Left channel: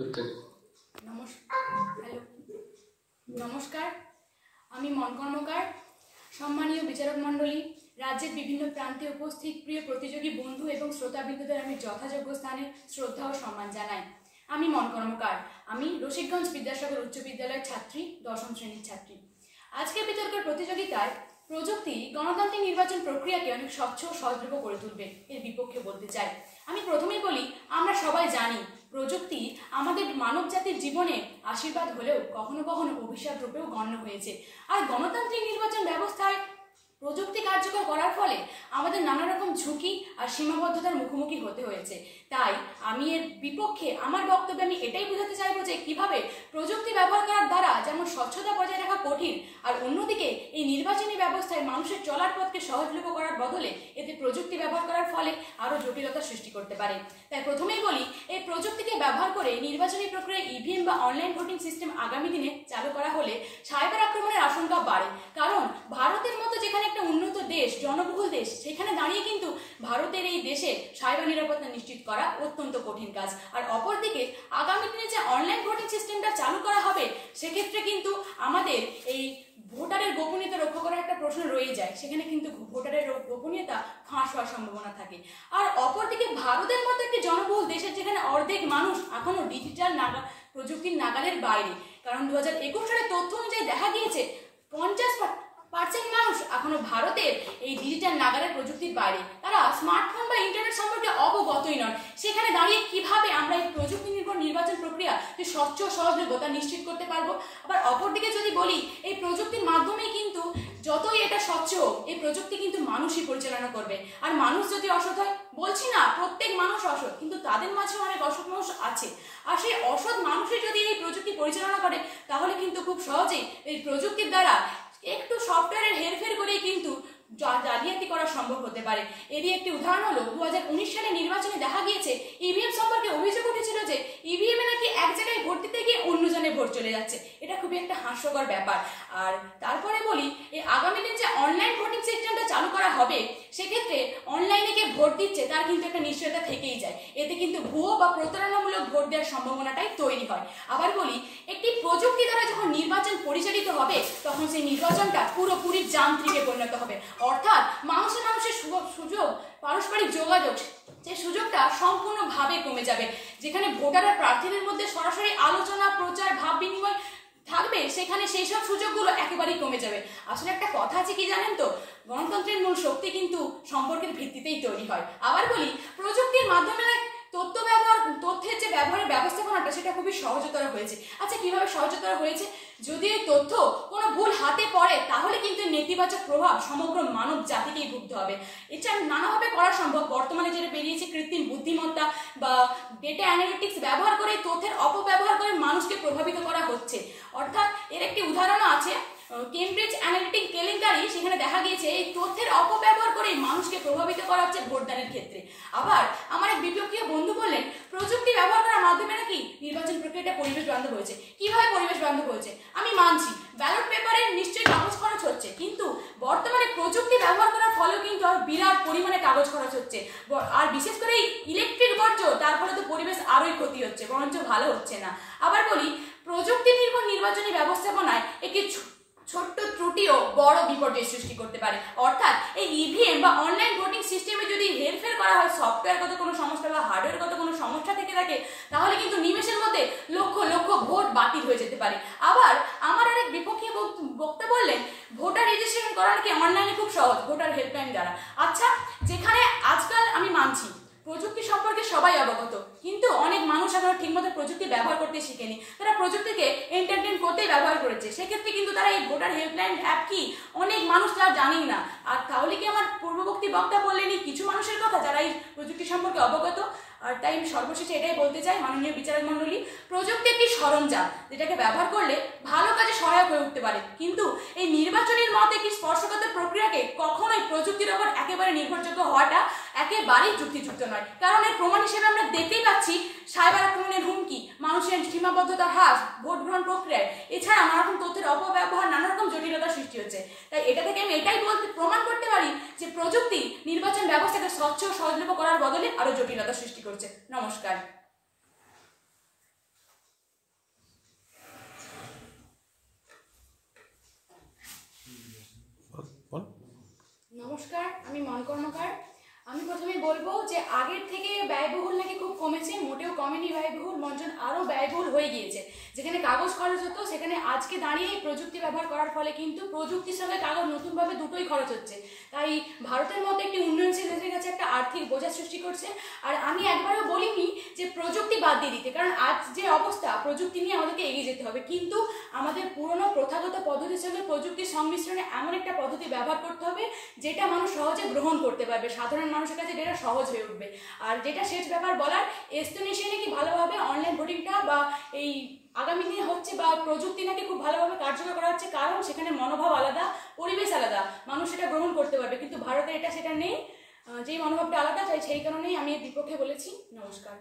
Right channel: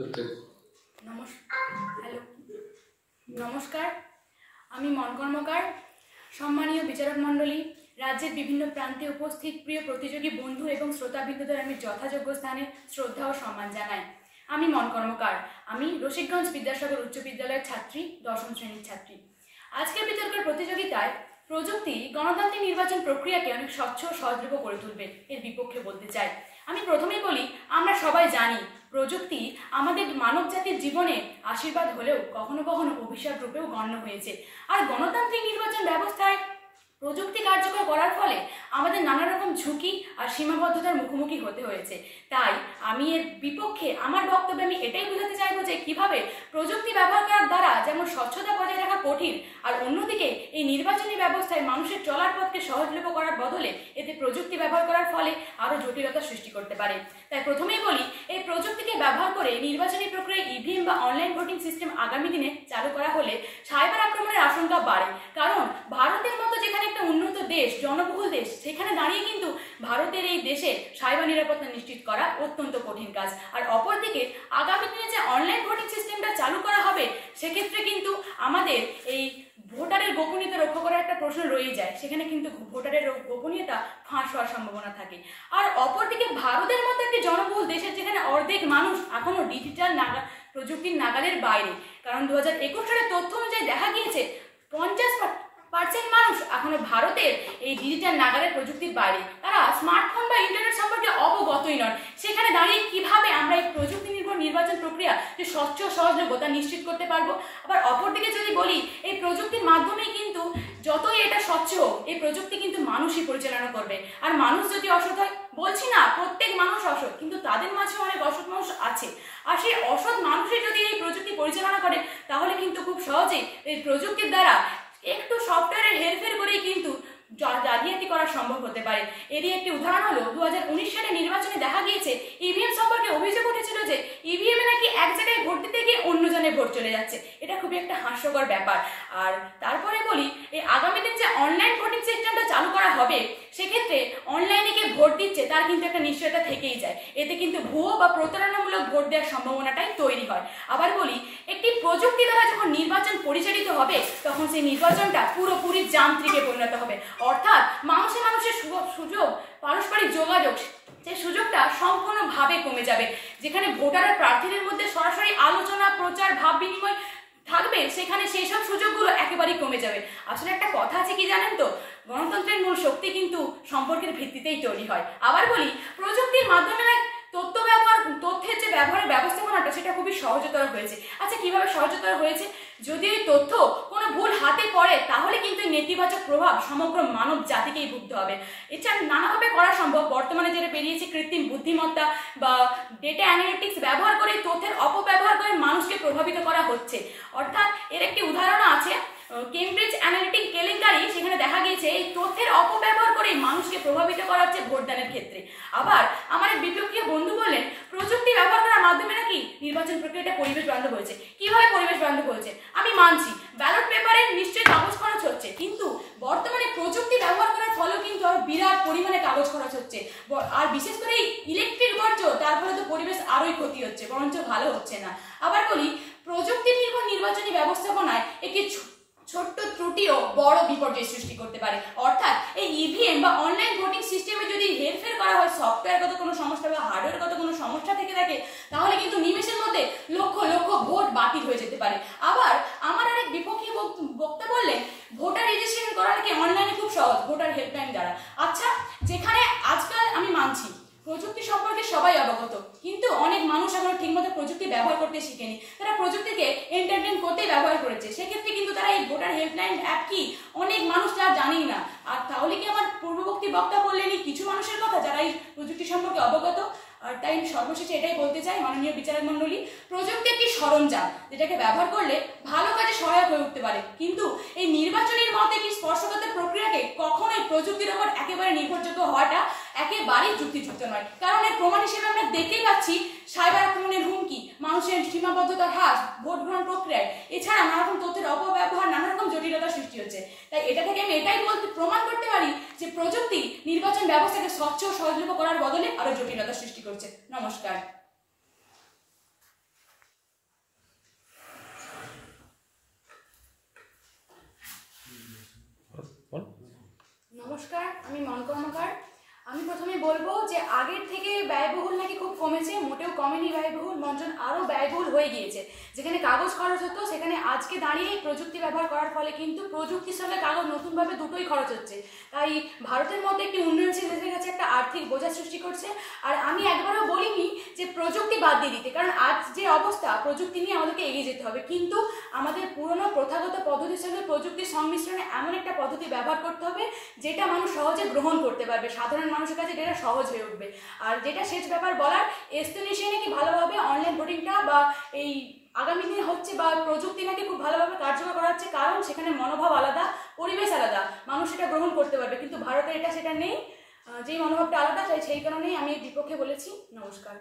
Hello, নমস্কার। আমি মন কর্মকার। সম্মানীয় বিচারক মণ্ডলী, রাজ্যের বিভিন্ন প্রান্তে উপস্থিত প্রিয় প্রতিযোগী বন্ধু এবং শ্রোতাবৃন্দদের আমি যথাযোগ্য স্থানে শ্রদ্ধা ও সম্মান জানাই। আমি মন কর্মকার। আমি রসিকগঞ্জ বিদ্যাসাগর উচ্চ বিদ্যালয়ের ছাত্রী, 10ম শ্রেণীর ছাত্রী। আজকের বিতর্কের প্রতিযোগিতায় প্রযুক্তি গণতান্ত্রিক নির্বাচন প্রক্রিয়াকে অনেক স্বচ্ছ ও সহজলভ্য করে তুলবে, এর বিপক্ষে বলতে চাই। আমি প্রথমেই বলি, আমরা সবাই জানি প্রযুক্তি আমাদের মানব জাতির জীবনে আশীর্বাদ হলেও কখনো কখনো অভিশাপ রূপেও গণ্য হয়েছে। আর গণতান্ত্রিক নির্বাচন ব্যবস্থায় প্রযুক্তি কার্যকর করার ফলে আমাদের নানা রকম ঝুঁকি আর সীমাবদ্ধতার মুখোমুখি হতে হয়েছে। তাই আমি এর বিপক্ষে আমার বক্তব্যে আমি এটাই বোঝাতে চাইবো যে কিভাবে প্রযুক্তি ব্যবহার করার দ্বারা যেমন স্বচ্ছতা বজায় রাখা কঠিন, আর অন্যদিকে এই নির্বাচনী ব্যবস্থায় মানুষের চলার পথকে সহজলভ্য করার বদলে এতে প্রযুক্তি ব্যবহার করার ফলে আরও জটিলতা সৃষ্টি করতে পারে। তাই প্রথমেই বলি, এই প্রযুক্তিকে ব্যবহার করে নির্বাচনী প্রক্রিয়ায় ইভিএম বা অনলাইন ভোটিং সিস্টেম আগামী দিনে চালু করা হলে সাইবার আক্রমণের আশঙ্কা বাড়ে। কারণ ভারতের মতো যেখানে একটা উন্নত দেশ, জনবহুল দেশ, সেখানে দাঁড়িয়ে কিন্তু ভারতের এই দেশে সাইবার নিরাপত্তা নিশ্চিত করা অত্যন্ত কঠিন কাজ। আর অপরদিকে আগামী দিনে যে অনলাইন ভোটিং সিস্টেমটা চালু করা হবে, সেক্ষেত্রে কিন্তু আমাদের এই ভোটারের গোপনীয়তা রক্ষা করার একটা প্রশ্ন রয়ে যায়। সেখানে কিন্তু ভোটারের গোপনীয়তা ফাঁস হওয়ার সম্ভাবনা থাকে। আর অপরদিকে ভারতের মতো একটি জনবহুল দেশের যেখানে অর্ধেক মানুষ এখনো ডিজিটাল প্রযুক্তির নাগালের বাইরে। কারণ 2021 সালের তথ্য অনুযায়ী দেখা গিয়েছে 50% মানুষ এখনো ভারতের এই ডিজিটাল নাগালের প্রযুক্তির বাইরে। তারা স্মার্টফোন বা ইন্টারনেট সম্পর্কে অবগতই নন। সেখানে দাঁড়িয়ে কিভাবে আমরা এই প্রযুক্তি নির্ভর নির্বাচন প্রক্রিয়া যে স্বচ্ছ সহজলভ্য তা নিশ্চিত করতে পারবো? আবার অপরদিকে যদি বলি, এই প্রযুক্তির মাধ্যমেই কিন্তু যতই এটা স্বচ্ছ হোক, এই প্রযুক্তি কিন্তু মানুষই পরিচালনা করবে। আর মানুষ যদি অসৎ হয়, বলছি না প্রত্যেক মানুষ অসৎ, কিন্তু তাদের মাঝে অনেক অসৎ মানুষ আছে। আর সেই অসৎ মানুষই যদি এই প্রযুক্তি পরিচালনা করে, তাহলে কিন্তু খুব সহজেই এই প্রযুক্তির দ্বারা একটু সফটওয়্যারের হেরফের করেই কিন্তু জালিয়াতি করা সম্ভব হতে পারে। এরই একটি উদাহরণ হলো 2019 সালে নির্বাচনে দেখা গিয়েছে ইভিএম সম্পর্কে অভিযোগ উঠেছিল যে ইভিএমে নাকি এক জায়গায় ভোট দিতে গিয়ে অন্য জনের ভোট চলে যাচ্ছে। এটা খুবই একটা হাস্যকর ব্যাপার। আর তারপরে বলি, এই আগামী দিন যে অনলাইন ভোটিং সিস্টেমটা চালু করা হবে, সেক্ষেত্রে অনলাইনে কে ভোট দিচ্ছে তার কিন্তু একটা নিশ্চয়তা থেকেই যায়। এতে কিন্তু ভুয়ো বা প্রতারণামূলক ভোট দেওয়ার সম্ভাবনাটাই তৈরি হয়। আবার বলি, একটি প্রযুক্তি দ্বারা যখন নির্বাচন পরিচালিত হবে, তখন সেই নির্বাচনটা পুরোপুরি যান্ত্রিকে পরিণত হবে। অর্থাৎ মানুষের সুযোগ, পারস্পরিক যোগাযোগ, সেই সুযোগটা সম্পূর্ণভাবে কমে যাবে। যেখানে ভোটার আর প্রার্থীদের মধ্যে সরাসরি আলোচনা, প্রচার, ভাব বিনিময় থাকবে, সেখানে সেই সব সুযোগগুলো একেবারেই কমে যাবে। আসলে একটা কথা আছে কি জানেন তো, গণতন্ত্রের মূল শক্তি কিন্তু সম্পর্কের ভিত্তিতেই তৈরি হয়। আবার বলি, প্রযুক্তির মাধ্যমে তথ্যের যে ব্যবহারের ব্যবস্থাপনাটা সেটা খুবই সহজতর হয়েছে। আচ্ছা, কিভাবে সহজতর হয়েছে? যদি এই তথ্য কোনো ভুল হাতে পড়ে, তাহলে কিন্তু নেতিবাচক প্রভাব সমগ্র মানব জাতিকেই ভুগতে হবে। এছাড়া নানাভাবে করা সম্ভব। বর্তমানে যেটা বেরিয়েছে কৃত্রিম বুদ্ধিমত্তা বা ডেটা অ্যানালিটিক্স ব্যবহার করে তথ্যের অপব্যবহার করে মানুষকে প্রভাবিত করা হচ্ছে। অর্থাৎ এর একটি উদাহরণ আছে কেমব্রিজ অ্যানালিটিক কেলেঙ্কারি। সেখানে দেখা গিয়েছে এই তথ্যের অপব্যবহার করে মানুষকে প্রভাবিত করা হচ্ছে ভোটদানের ক্ষেত্রে। আবার আমার এক বিপক্ষীয় বন্ধু বললেন, প্রযুক্তি ব্যবহার করার মাধ্যমে নাকি নির্বাচন প্রক্রিয়াটা পরিবেশ বান্ধব হয়েছে। কিভাবে পরিবেশ বান্ধব হয়েছে? আমি মানছি ব্যালট পেপারে নিশ্চয়ই কাগজ খরচ হচ্ছে, কিন্তু বর্তমানে প্রযুক্তি ব্যবহার করার ফলেও কিন্তু আরো বিরাট পরিমাণে কাগজ খরচ হচ্ছে। আর বিশেষ করে ইলেকট্রিক বর্জ্য, তার ফলে তো পরিবেশ আরোই ক্ষতি হচ্ছে, বরঞ্চ ভালো হচ্ছে না। আবার বলি, প্রযুক্তি নির্ভর নির্বাচনী ব্যবস্থাপনায় একটি ছোট্ট ত্রুটিও বড় বিপর্যয় সৃষ্টি করতে পারে। অর্থাৎ এই ইভিএম বা অনলাইন ভোটিং সিস্টেমে যদি হেরফের করা হয়, সফটওয়্যারগত কোনো সমস্যা বা হার্ডওয়্যারগত কোনো সমস্যা থেকে থাকে, তাহলে কিন্তু নিমেষের মধ্যে লক্ষ লক্ষ ভোট বাতিল হয়ে যেতে পারে। আবার আমার আরেক বিপক্ষী বক্তা বললেন, ভোটার রেজিস্ট্রেশন করা নাকি অনলাইনে খুব সহজ ভোটার হেল্পলাইন দ্বারা। আচ্ছা, যেখানে আজকাল আমি মানছি প্রযুক্তি সম্পর্কে সবাই অবগত, কিন্তু অনেক মানুষ এখনো ঠিকমতো প্রযুক্তি ব্যবহার করতে শিখেনি। তারা প্রযুক্তিকে এন্টারটেইন করতেই ব্যবহার করেছে। সেক্ষেত্রে কিন্তু তারা এই ভোটার হেল্পলাইন অ্যাপ কি, অনেক মানুষ তারা জানেই না। আর তাহলে কি আমার পূর্ববর্তী বক্তা বললেনই কিছু মানুষের কথা যারা এই প্রযুক্তি সম্পর্কে অবগত। আর তাই সর্বশেষে এটাই বলতে চাই, মাননীয় বিচারক মণ্ডলী, প্রযুক্তি একটি সরঞ্জাম যেটাকে ব্যবহার করলে ভালো কাজে সহায়ক হয়ে উঠতে পারে, কিন্তু এই নির্বাচনের মতে কি স্পর্শকাতর প্রক্রিয়াকে কখনোই প্রযুক্তির ওপর একেবারে নির্ভরযোগ্য হওয়াটা একেবারেই যুক্তিযুক্ত নয়। কারণ এর প্রমাণ হিসেবে আমরা দেখতেই পাচ্ছি সাইবার আক্রমণের হুমকি, মানুষের সীমাবদ্ধতার হ্রাস ভোট গ্রহণ প্রক্রিয়ায়, এছাড়া নানা রকম তথ্যের অপব্যবহার, নানা রকম জটিলতা সৃষ্টি হচ্ছে। তাই এটা থেকে আমি এটাই প্রমাণ করতে পারি যে প্রযুক্তি নির্বাচন ব্যবস্থাকে স্বচ্ছ ও সহজলভ্য করার বদলে আরো জটিলতা সৃষ্টি করছে। নমস্কার। আমি মন কর্মকার। আমি প্রথমে বলবো যে আগের থেকে ব্যয়বহুল নাকি খুব কমেছে, মোটেও কমেনি ব্যয়বহুল, মঞ্চন আরও ব্যয়বহুল হয়ে গিয়েছে। যেখানে কাগজ খরচ হতো সেখানে আজকে দাঁড়িয়ে প্রযুক্তি ব্যবহার করার ফলে কিন্তু প্রযুক্তির সঙ্গে কাগজ নতুনভাবে দুটোই খরচ হচ্ছে। তাই ভারতের মধ্যে একটি উন্নয়নশীল দেশের কাছে একটা আর্থিক বোঝা সৃষ্টি করছে। আর আমি একবারও বলিনি যে প্রযুক্তি বাদ দিয়ে দিতে, কারণ আজ যে অবস্থা প্রযুক্তি নিয়ে আমাদেরকে এগিয়ে যেতে হবে, কিন্তু আমাদের পুরনো প্রথাগত পদ্ধতির সঙ্গে প্রযুক্তির সংমিশ্রণে এমন একটা পদ্ধতি ব্যবহার করতে হবে যেটা মানুষ সহজে গ্রহণ করতে পারবে, সাধারণ মানুষের কাছে যেটা সহজ হয়ে উঠবে। আর যেটা শেষ ব্যাপার বলার, এস্তোনেশিয়া নাকি ভালোভাবে অনলাইন ভোটিংটা বা এই আগামী দিনে হচ্ছে, বা প্রযুক্তি নাকি খুব ভালোভাবে কার্যকর করা হচ্ছে, কারণ সেখানে মনোভাব আলাদা, পরিবেশ আলাদা, মানুষ সেটা গ্রহণ করতে পারবে। কিন্তু ভারতে সেটা নেই, যেই মনোভাবটা আলাদা, তাই সেই কারণেই আমি এর বিপক্ষে বলেছি। নমস্কার।